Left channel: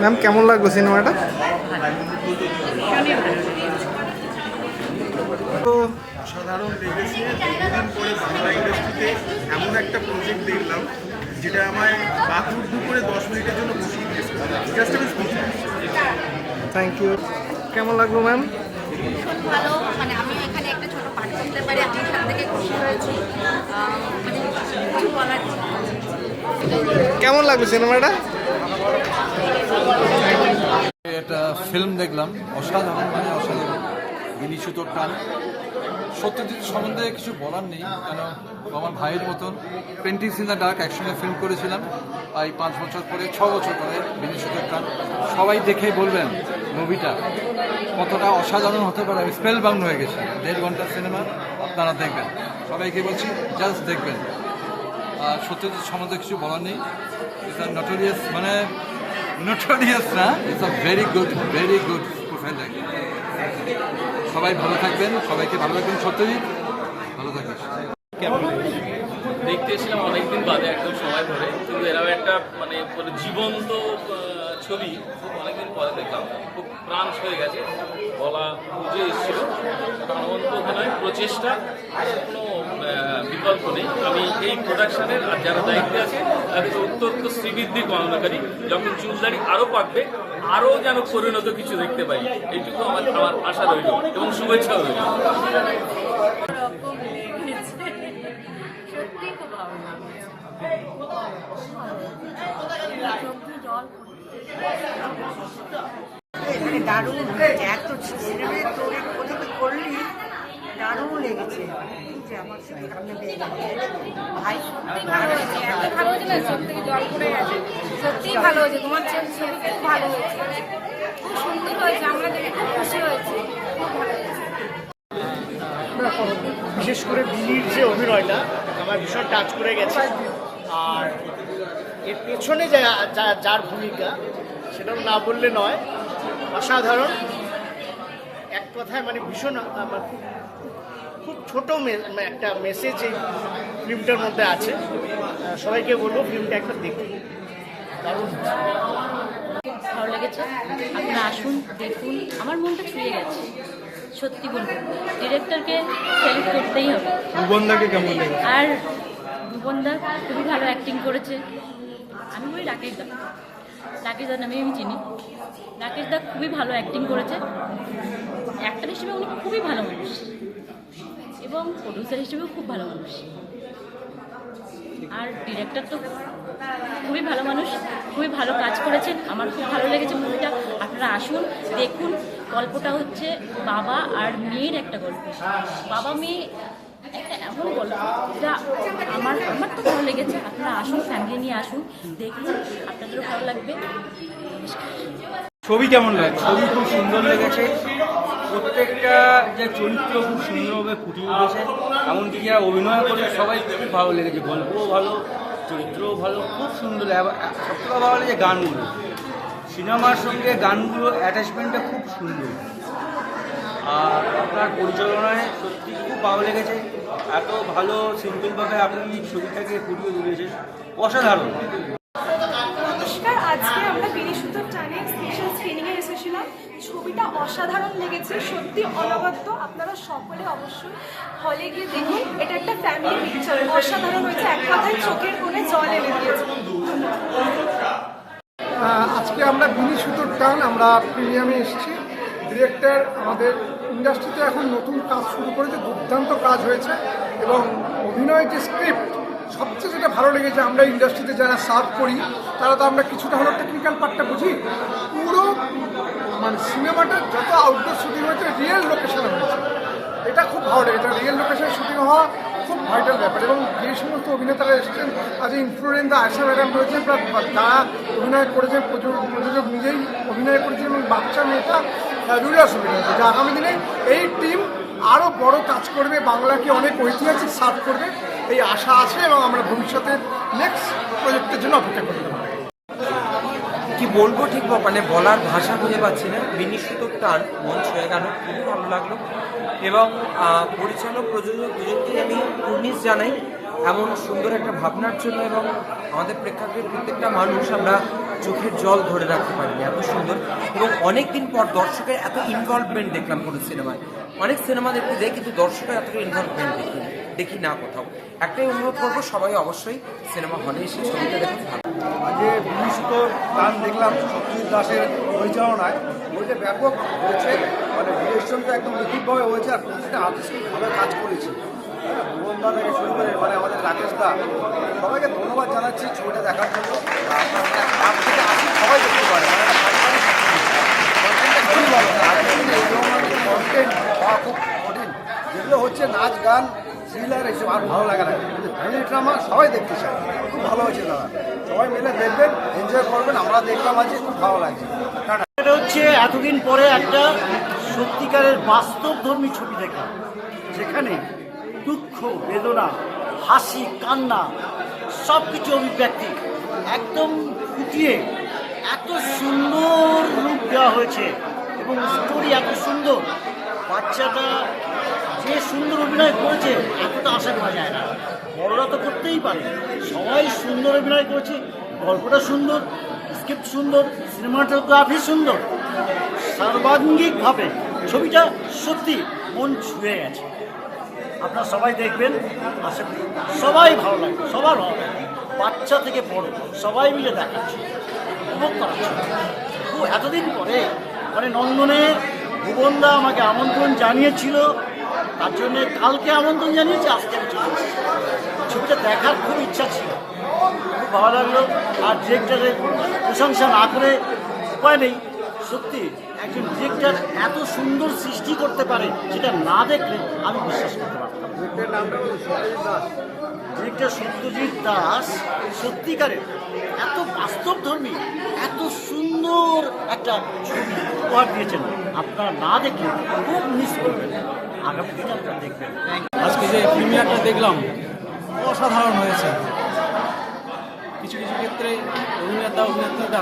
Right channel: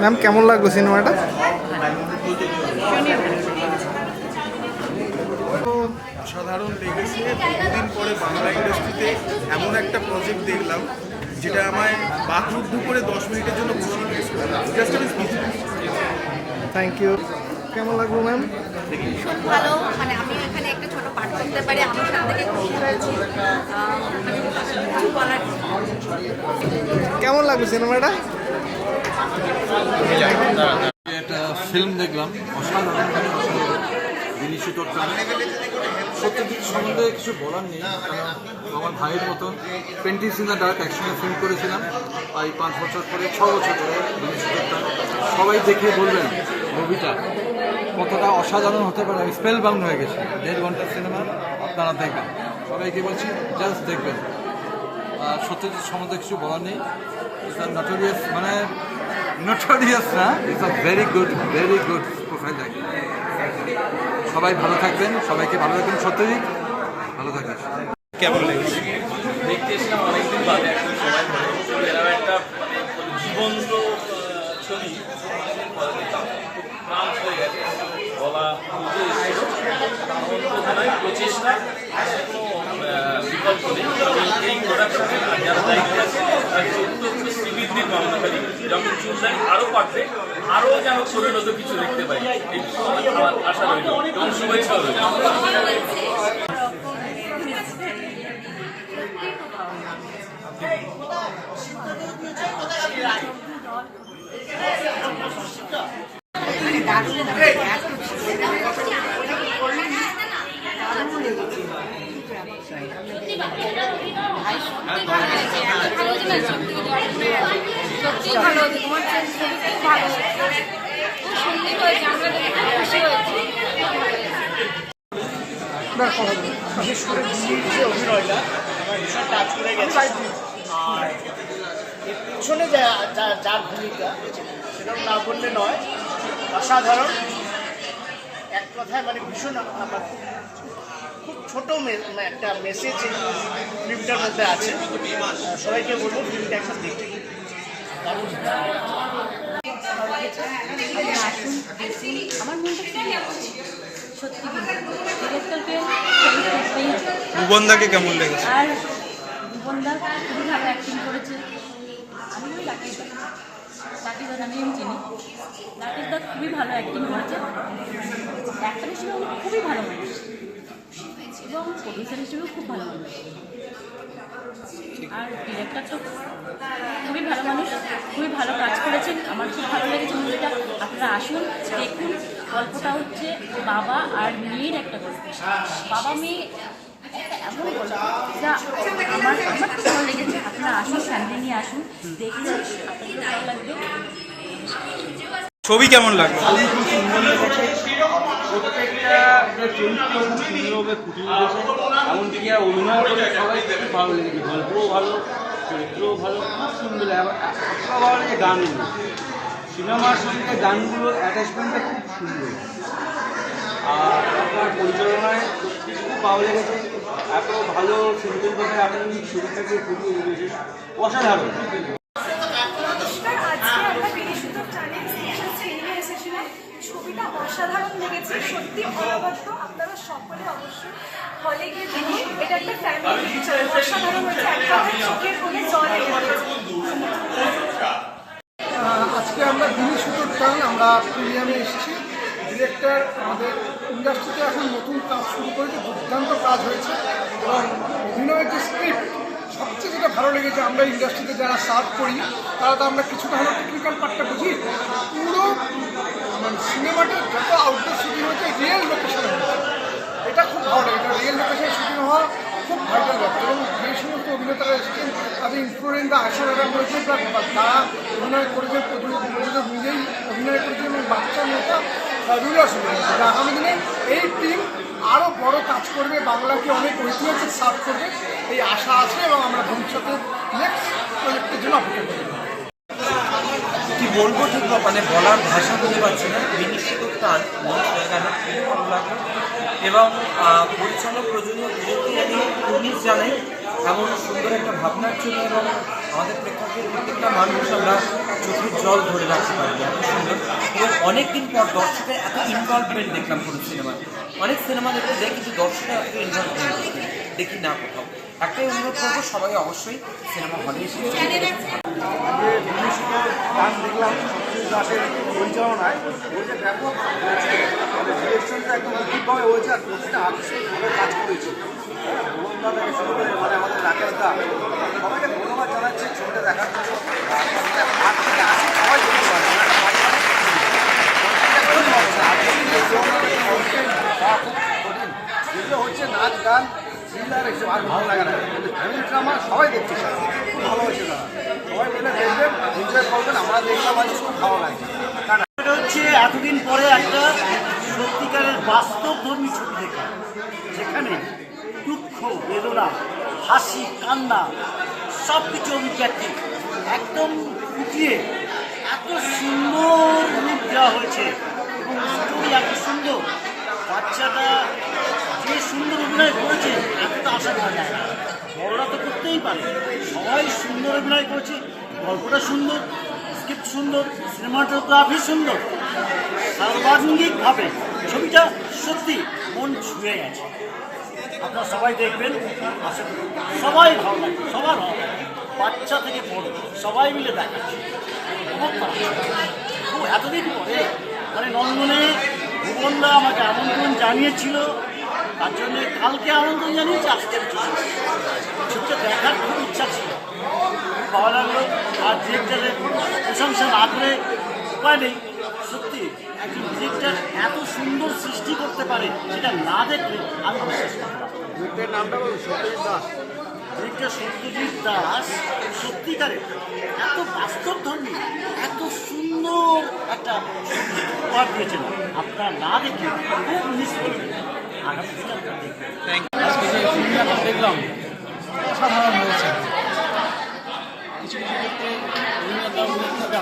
Ma'am কেমন লাগলো সিনেমাটা? তো অসাধারণ লেগেছে। বহুদিন পরে বাংলা ইন্ডাস্ট্রিতে এমন একটা প্রজেক্ট দেখলাম যেটা আমায় বাকরুদ্ধ করে 10 মিনিটের জন্য বসিয়ে দিয়েছে। জাস্ট আমি স্পিচলেস। Thank you. কেমন লাগলো ম্যাম? ভীষণ ভালো, মানে আমিও এখানে একটা ছোট পাঠ করতে পারি, আমি সব থেকে খুশি হয়েছি। মানে কিছু বলার নেই। কেমন লাগলো সিনেমাটা? একটা ফিল্ম দেখলাম, অসাধারণ মানে অসাধারণ। বিনীশুতর টান। সত্যজিৎ সম্বন্ধে কিছু বলার নেই, কারণ আমার ভাইয়ের মতন পেন্টিং ইন দ্য ডার্ক একসঙ্গে ফিল্ম করেছিলাম প্রায় 5 বছর পরে, 6 বছর পরে। বিনীশুতর টান সবাই দেখে বলবেন মুভিটা কতটা অসাধারণ হতে পারে। আমি স্পেল বাউন্ড হয়ে গেছি। 1.5 ঘন্টার সিনেমা, আপনারা দেখবেন, সবাইকে বলছি জাস্ট দেখবেন। আর সত্যজিৎ সম্বন্ধে কিছু বলার নেই। নটোরিয়াস মানে নটোরিয়াস না, it's a very good profile actor. সবাই ভালো থাকবেন, সবাইকে ভালো রাখবেন। সত্যজিৎ ভালো থাকবেন। কেমন লেগেছে? দেখতে এসেছিলাম অনেকদিন বাদে, একদম সময় ধরে। এরা একটা মানে জীবন্ত ছবি অনেকদিন পরে দেখলাম, খুব প্রাণ হয়ে গেছে। গলা বুঝে এসেছিল, অনন্ত অভিনয় প্রচেষ্টা, কোনো বিকল্প নেই। আমি এই প্রোডাকশনের আর যারা দায়িত্বে আছে তাদের অত্যন্ত শ্রীবৃদ্ধি কামনা করি। যখন চুলদারি আরও পাকবে, আরও যেন পরিণত কিছু দেখতে পাই, এইটুকু আমার আশা রইল এবং শুভেচ্ছাও রইল। সত্যি ভালো, তোমার ভালো, খুব সুন্দর হয়েছে, আমরা দেখে খুব খুশি হয়েছি। বিশেষ করে দিল্লির যে অভিনয়টা আমার ভীষণ টাচ করে গেছে। আর এর পেছনে যার ভূমিকা সেটা না বললে নয়, অসাধারণ। এক কথায় মানে ভীষণ খুব ছোট একটা মেসেজ এই ফিল্মটার মধ্যে আছে। সবাইকে বলবো ফিল্মটা একটা দেখতে। দারুণ ভালো লেগেছে, আপনারা আসুন দেখুন, আমার মনটা ফিরে যাচ্ছে। সত্যি বলবো, ডিরেক্টরকে থ্যাংক করতেই হবে। ভুবনদাকে কেমন লেগেছে? আর ভুবনদা খুবই ভালো অ্যাক্টিং করেছে। আমি বলি রাকেশদা নামে আমি চিনি। রাকেশদা খুবই ভালো অ্যাক্টিং করেছে। অ্যাক্টর হিসেবে উনি খুবই ভালো মানুষ এবং প্রডিউসার হিসেবেও খুব ভালো মানুষ। আর ডিরেক্টর তো খুবই ভালো মানুষ, খুবই ভালো কাজ করেছেন। আমার খুব ভালো লেগেছে মুভিটা। আপনারা আসুন দেখুন। গল্পটা হচ্ছে বাবা আর মেয়ের একটা গল্প। বাবা মেয়ে একটা এমন গল্প যা আমার খুব ভালো লেগেছে। আপনারা আসুন, ফ্যামিলি নিয়ে আসুন, দেখুন, আপনাদেরও ভালো লাগবে। ছবি কেমন লাগলো? ছবি খুব সুন্দর লেগেছে। প্রত্যেকটা যে চরিত্র খুব সুন্দরভাবে ফুটিয়ে উঠেছে। এমনদিকে অভিনয় করে সবাই খুব ভালো লেগেছে। গল্পও ভালো, চরিত্রও ভালো, খুব সুন্দর। সবথেকে ভালো লেগেছে গানগুলো। সিনেমার সঙ্গে গানগুলোর অ্যাটাচমেন্টটা খুব সুন্দর। আর আপনার পরিচালনায় সত্যি খুব ভালো লেগেছে। এত ভালো সিম্পলভাবে আপনি ছবিটাকে ফুটিয়ে তুলেছেন, অসাধারণ। নমস্কার, আজকে আমরা বিনীশুতর টানে স্পেশাল স্ক্রিনিংয়ে এসেছিলাম। ছবিটা অসাধারণ লেগেছে, সত্যি অনবদ্য। আপনারা সকলে অবশ্যই হলে গিয়ে দেখুন। এটা একটা ফ্যামিলি পিকচার, অসাধারণ হয়েছে। এক কথায় চোখের কোণে জল এনে দিয়েছে। আজকে আমরা বিনীশুতর টান আমরা প্রিমিয়ামে এসেছি। ডিরেক্টর আমাদের ইন্ডাস্ট্রিতে এখন নতুন কাজ শুরু করেছে, দুর্দান্ত কাজ হয়েছে। এবং অভিনয়ের যে স্ক্রিপ্ট, সবচেয়ে যেটা ভালো লেগেছে, আমরা ইন্ডাস্ট্রিতে যারা সার্ভ করি তারা তো আমরা কিছুটা হলেও টেকনিক্যাল পার্টটা বুঝি। পুরো মানে সিনেমাটা যত আউটডোর শুটিং হয়েছে রিয়েল লোকেশনে হয়েছে, এটা খুব ভালো লেগেছে। রিয়েল লোকেশনে শুটিং হওয়া খুব ভাইটাল ব্যাপার। এবং যে সমস্ত অভিনেতারা এসেছেন, আজ ইনফ্লুয়েন্সা আয়শা ম্যাডাম রয়েছেন, যারা অভিনয় করেছেন, প্রযোজক নিজেই অভিনয় করেছেন, এবং বাচ্চা মেয়েটা ফ্যাবুলাস হয়েছে। যে আগামী দিনে এই টিম আরও বড় কাজ করবে, বাংলাকে অনেক ঐতিহাসিক সার্ভ করবে, এই আশা আছে। এবং আমরা ভবিষ্যতে নেক্সট প্রজেক্টের জন্য অপেক্ষা করতে পারি। কি বলবো ঠিক মানে বলার ভাষা খুঁজে পাচ্ছি না। বিনীশুতর টান মন ছুঁয়ে গেল, খুব ভালো লাগলো। এবং পরিচালক প্রযোজক দুজনকে আমি কুর্নিশ জানাই। এমন সুন্দর একটা ভাবনার জন্য এবং আমাদের প্রেক্ষাগৃহের প্রত্যেকটা মানুষ আমরা চোখের জল ধরে রাখতে পারি এত সুন্দর। এবং অনেকদিন পর দর্শকের এত ইনভলভমেন্ট দেখলাম কোনো সিনেমায়। অনেক সিনেমা দেখতে যাই কিন্তু দর্শকের এত ইনভলভমেন্ট দেখি না কোথাও। একটাই অনুরোধ করবো, সবাই অবশ্যই সিনেমা হলে এসে ছবিটা দেখুন। যে বিনিশুদ্ধ গান দেখলাম সত্যজিৎ দাসের পরিচালনায়, বইটা ব্যাপক হয়েছে, মানে ডিরেকশনটা একদম নিখুঁতভাবে হয়েছে আর প্রতিটা আর্টিস্ট ভালো কাজ করেছে। ভুবনদা থেকে শুরু করে মানে আমাদের রাকেশ দা, সবাইকে ধন্যবাদ জানাচ্ছি ছবিটা দেখার জন্য। আর থেকে আসি সবাই দেখতে পারে, মানে একটা পারিবারিক খুবই ভালো। আর্টিস্ট এই ধরনের কন্টেন্ট পাওয়া খুব কঠিন, যেগুলো হচ্ছে নাচ গান থ্রিলার এসব আর ভালো লাগে না, কিন্তু ফ্যামিলি ড্রামা সবাই দেখতে চায়। খুব ভালো হয়েছে দাদা, সবাই মিলে দেখবেন, এনজয় করবেন। আমরা দেখলাম আজ খুব ভালো লাগছে। এটা হচ্ছে এতদিন পরে একটা সত্যিকারের বাস্তবধর্মী ছবি দেখলাম, যেখানে দুঃখ, বেদনা, হাসি, কান্না সব কিছু অভিব্যক্তি একদম ফুটিয়ে এত সুন্দর রূপ দেওয়া হয়েছে এবং স্টোরি এত সুন্দর। বাচ্চাটা যে সুন্দর অভিনয় করেছে এতটা আশা করা যায় না, বড়রা তো করতেই পারে। সবাই সুন্দর অভিনয় করেছে, গল্পটা সুন্দর, স্ক্রিপ্ট সুন্দর, সিনেমাটোগ্রাফি সুন্দর, সর্বাঙ্গিকভাবে ছবিটা সত্যি মন ছুঁয়ে গেছে। আপনারা সবাই দেখবেন, আশা করি সবাই ভালো লাগবে, সবার ভালো লাগবে, বাচ্চা থেকে বড় সবাই মিলে দেখাচ্ছে, উপভোগ করাচ্ছে। খুব এতদিন পরে মানে নন্দনে ভুবনদা আমাকে আমন্ত্রণ জানিয়েছিল, তার জন্যে কালকে আমন্ত্রণ জানিয়েছে, আজকে আমি ছবিটা দেখার খুব ইচ্ছা ছিল, খুব ভালো লাগলো। আর ডিরেক্টরের প্রশংসা না করে উপায় নেই, সত্যি একজন ডিরেক্টর এত সুন্দর সৃষ্টি করতে পারে সেটা না দেখলে আমি বিশ্বাস করতে পারতাম। ডিরেক্টর সত্যজিৎ দাস সত্যিকারের এত বাস্তবধর্মী, এত সুন্দর একটা উপহার দিয়েছেন, আপনারা না দেখলে খুব মিস করবেন, আগামী দিনে আপনারা দেখবেন। আজকে যে প্রিমিয়ারটা দেখলাম অসাধারণ হয়েছে। কিছু কিছু ক্ষেত্রে অভিনেতা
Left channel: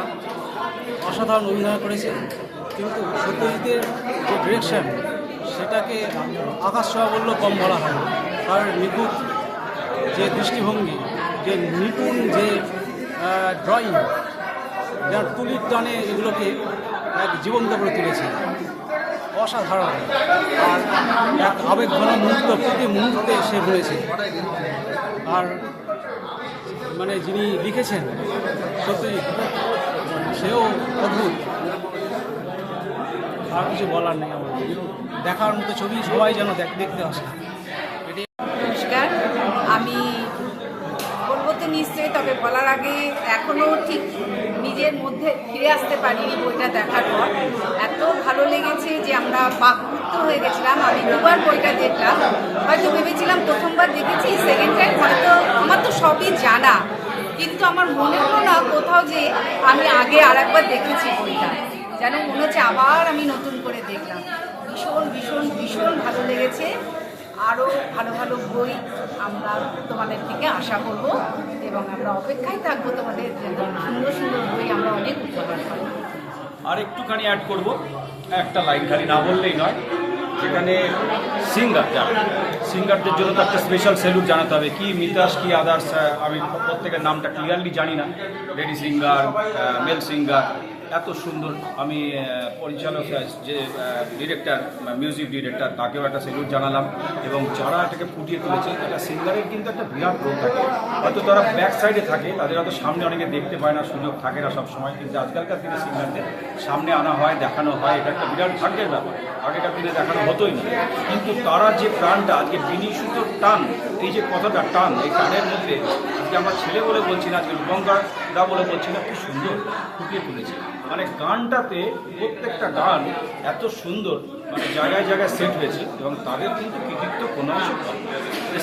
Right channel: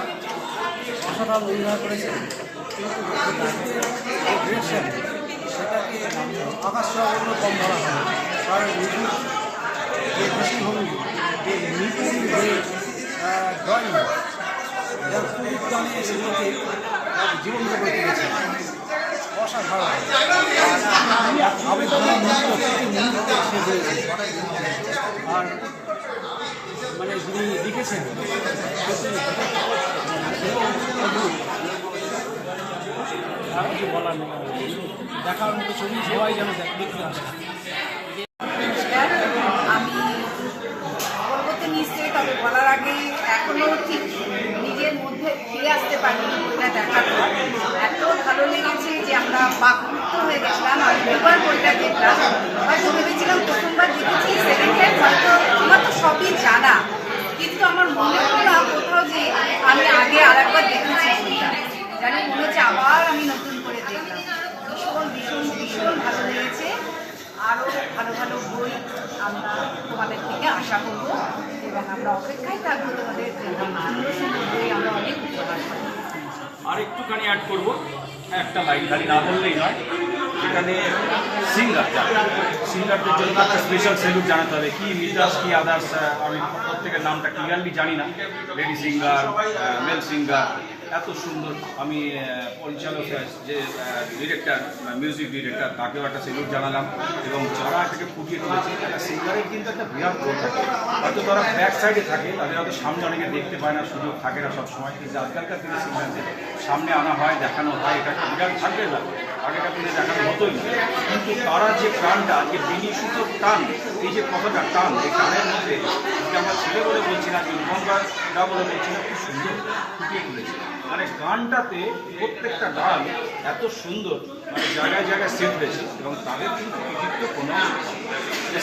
অসাধারণ অভিনয় করেছে, কিন্তু সত্যজিতের যে ডিরেকশন সেটাকে আকাশ ছোঁয়া বললেও কম বলা হয়। তার নিখুঁত যে দৃষ্টিভঙ্গি, যে নিপুণ যে ড্রয়িং, যার তুলির টানে এগুলোকে জীবন্ত করে তুলেছে, অসাধারণ। এক আবেগঘন মুহূর্ত প্রতি মুহূর্তে সে হয়েছে। আর মানে যিনি লিখেছেন সত্যি সেও অদ্ভুত, আর কিছু বলার নেই। দেখার মতো ছবি, সবাই যেন দেখতে আসে। নমস্কার, আমি বলবো তো নিশ্চয়ই, তবে বলার আগে এখনও ঠিক নিজের মধ্যে ফিরে আসতে পারিনি বইটা দেখার পর। এত ভালো লেগেছে যে আমরা বাকরুদ্ধ হয়ে গেছিলাম। আমি দুবার বইটা দেখলাম, হয়তো ভেবেছিলাম প্রথমবার দেখেছি, সেকেন্ড টাইম হয়তো আমার তো সবই জানা, কিন্তু আমার মনে হলো না কোথাও যে আমি আগে আর একবার দেখেছি বইটা, যেন মনে হচ্ছে আবার আমি নতুন করে দেখলাম। ভীষণ ভীষণ ভীষণ ভালো লেগেছে। আরও ভালো ভালো বই আমরা তোমাদের থেকে আশা করবো এবং আমরা অপেক্ষায় থাকবো তোমাদের সুন্দর সুন্দর বই আমরা অনেক উপকার পাবো। আর একটুখানি অ্যাড করবো, একটা লাইন খালি না বললেই নয়, যেখানে সিঙ্গারদের জন্য তো একটা স্পেশাল স্যালুট জানাতে হবে। কি মিতাস, কি আদার্স, আমি প্রত্যেকের নামটা ক্লিয়ারলি জানি না, লেডি সিঙ্গার, মেল সিঙ্গার, এত সুন্দর। আমি পরিচালক যে ডিরেক্টর, মিউজিক ডিরেক্টর, তাকেও একটা স্যালুট জানালাম। এবং যারা এটাকে ফুটিয়ে তুলেছে, একটা সিঙ্গারের কিন্তু একটা বিরাট রোল থাকে। হয়তো তারা ব্যাক সাইডে থাকে, তাদের হয়তো সামনে অনেকে দেখতে পায় না, সুযোগ থাকে না সবসময়, কিন্তু আজকালকার দিনে সিঙ্গারদের সামনে আনা হয়, দেখানো হয়, এটা একটা বিরাট ভাগ্যের ব্যাপার। আগেকার দিনে দেখানো হতোই না, কিন্তু তারা যে প্রাণটা, আজকে বিনিশুদ্ধর টান, এই যে কথাটা টান, এই টানের মধ্যে আজকে আমার ছেলে বলে বলছি না, আজকে রূপঙ্কররা বলে বলছি না, খুব সুন্দর ফুটিয়ে তুলেছে। মানে গানটাতে প্রত্যেকটা গান এত সুন্দর, মানে জায়গায় জায়গায় সেট হয়েছে এবং তাদের কিন্তু কৃতিত্ব কোনো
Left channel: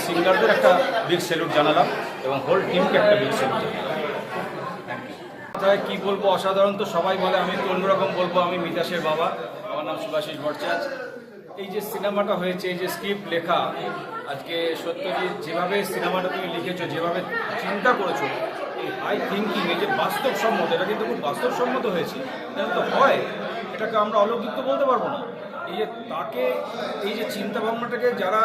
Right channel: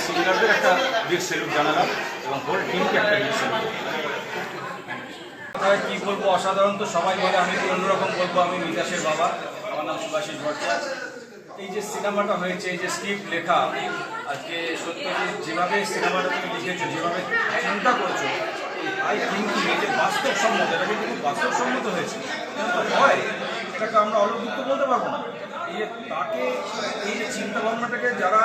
সিঙ্গারদের একটা বিগ স্যালুট জানালাম এবং হোল টিমকে একটা বিগ স্যালুট। কী বলবো, অসাধারণ তো সবাই বলে, আমি তো অন্যরকম বলবো। আমি মিতাসের বাবা, আমার নাম সুভাষিস ভট্টাচার্য। এই যে সিনেমাটা হয়েছে, এই যে স্ক্রিপ্ট লেখা, আজকে সত্যজিৎ যেভাবে সিনেমাটা তুমি লিখেছো, যেভাবে চিন্তা করেছো, আই থিঙ্কিং, এই যে বাস্তবসম্মত, এটা কিন্তু খুব বাস্তবসম্মত হয়েছে। কিন্তু হয় এটাকে আমরা অলৌকিক তো বলতে পারবো না। এই যে তাকে, এই যে চিন্তাভাবনাটাকে যারা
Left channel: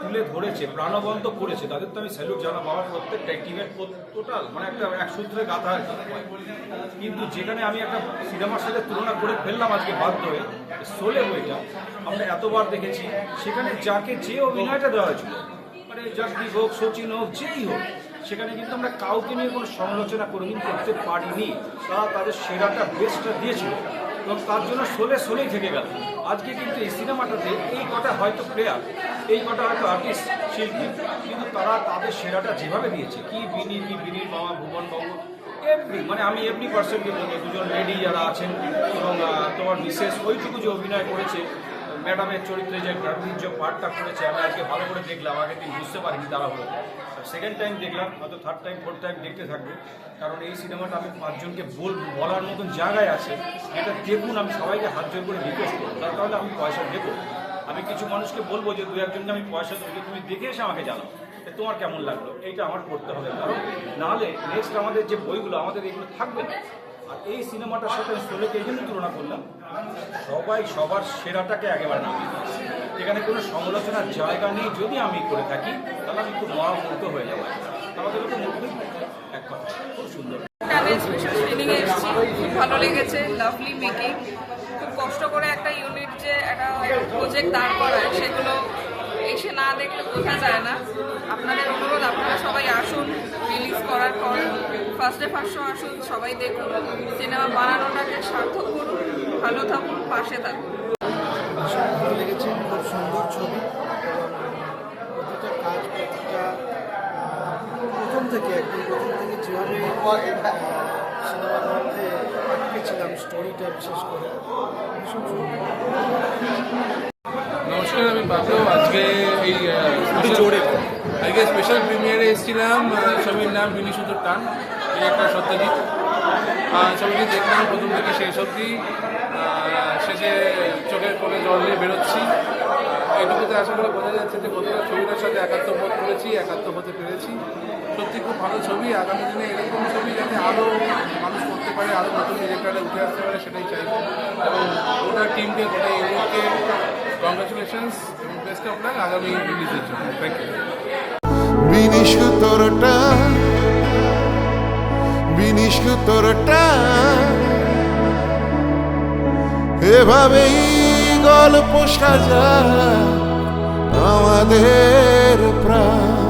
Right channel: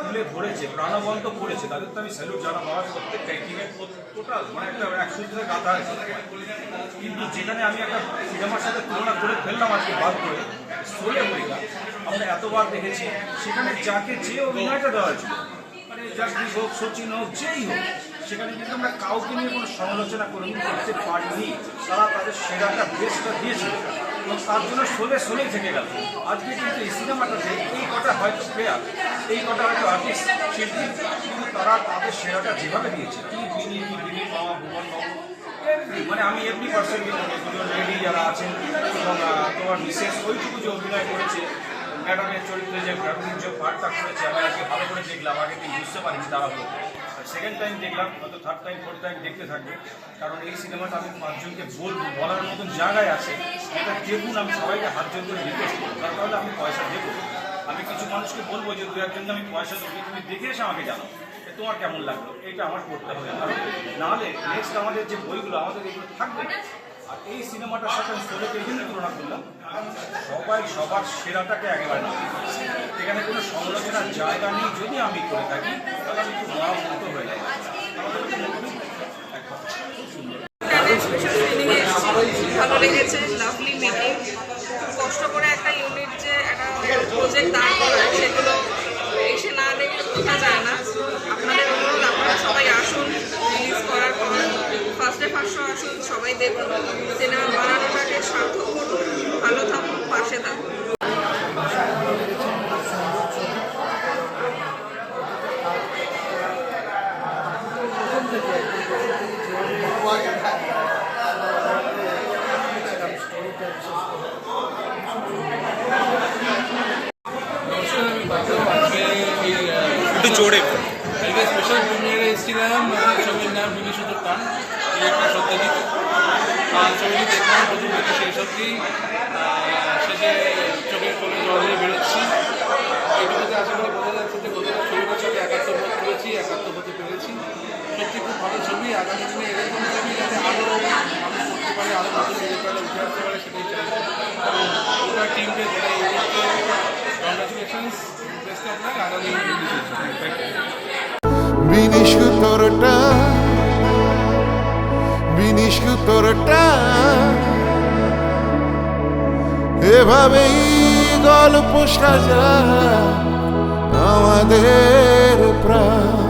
তুলে ধরেছে, প্রাণবন্ত করেছে, তাদের তো আমি স্যালুট জানাবো। আমার প্রত্যেকটা টিমের টোটাল মানে একটা এক সূত্রে গাঁথা আছে। কিন্তু যেখানে আমি একটা সিনেমার সাথে তুলনা করে ফেললাম আজকে বাধ্য হয়ে, শোলে বইটা আমরা এতবার দেখেছি, সেখানে যাকে যে অভিনয়টা দেওয়া হয়েছিল, মানে জাগদীপ হোক, সচিন হোক, যেই হোক, সেখানে কিন্তু আমরা কাউকে নিয়ে কোনো সমালোচনা কোনোদিন করতে পারিনি। তারা তাদের সেরাটা বেস্টটা দিয়েছিল এবং তার জন্য শোলেই থেকে গেল। আজকে কিন্তু এই সিনেমাটাতে এই কটা হয়তো প্লেয়ার, এই কটা হয়তো আর্টিস্ট, শিল্পী, কিন্তু তারা তাদের সেরাটা যেভাবে দিয়েছে, কি বিনির মামা, ভুবন বাবু, এমনি মানে আমি এমনি পার্সেন্টলি মনে দুজন লেডি যারা আছেন এবং তোমার বিশেষ ওইটুকু যে অভিনয় করেছে, ম্যাডামের চরিত্রে যে ফ্যামিলির যে পার্টটা করেছে, আমি আজকে ভালো করে দেখলাম, আগে কিন্তু বুঝতে পারিনি তারা হলো। সেকেন্ড টাইম দেখলাম, হয়তো থার্ড টাইম ফোর্থ টাইম দেখতে থাকবে, কারণ এই সিনেমাটা আমি পাঁচজনকে বলার মতন জায়গায় আছে। এটা দেখুন, আমি সবাইকে হাত জোর করে রিকোয়েস্ট করবো, তার কারণে আমি পয়সা দেবো। আমি কিছু মানুষকে বলবো যে 2-1জনকে আমি পয়সা দেবো, তুমি দেখে এসে আমাকে জানো তোমার কেমন লাগলো, এটা আমার করতে হবে। কারণ নাহলে নেক্সট আমাদের যে বইগুলো আমাদের এগুলো থাকবে না। আর এই সিনেমাটার সাথে আমি শোলেকে এই জন্য তুলনা করলাম, সবাই সবার সেরাটাকে একেবারে না, এখানে কোনো সমালোচনার জায়গা নেই। যদি আমি করে থাকি তাহলে আমি খুব মহামুক্ত হয়ে যাবো। আমাদের খুব সুন্দর ভালো লেগেছে, লাভলি মেকিং। খুব কষ্ট করে একটা ইউনিট যে একটা প্রজেক্ট দাঁড় করায়, সেগুলো এসে না দেখে বোঝা যায় না। আপনাদের অনুরোধ, আপনারা সবাই আসুন, রিলিজ করার পর ফার্স্টে আসুন, সবাই দেখুন, সিনেমা বানানোটাকে সার্থক করুন, ভালো থাকুন, পাশে থাকুন। নমস্কার, আমি বাদল। আজকে একটু জোরে আজকে স্পেশাল প্রিমিয়ারে এসেছিলাম। ছবির নাম বিনিশুদ্ধ টান, এই একটা সত্যজিৎ। ছবিটি দেখলাম প্রথম থেকে শেষ অবধি, শেষে চোখের কোলে জল নিয়ে বেরোচ্ছি। এইটুকুতে আশা করে বোঝা যাচ্ছে যে কতটা ছবিটার সাথে একাত্ম বোধ করেছি, একাত্ম হতে পেরেছি। সত্যি খুব ভালো ছবি। আগামী দিনে এরকম ছবি যাতে আরও মানুষ করতে পারে, আরও নতুন ডিরেক্টররা উঠে আসতে পারে, সেটাই চাই। এবং গোটা টিমকে, গোটা ইউনিটকে কংগ্রাচুলেশনস, বেস্ট অফ লাক আগামী রিলিজের জন্য। Thank you. বিনিশুদ্ধটা এভাবেই গল্প সাজা আমাদের প্রাণ।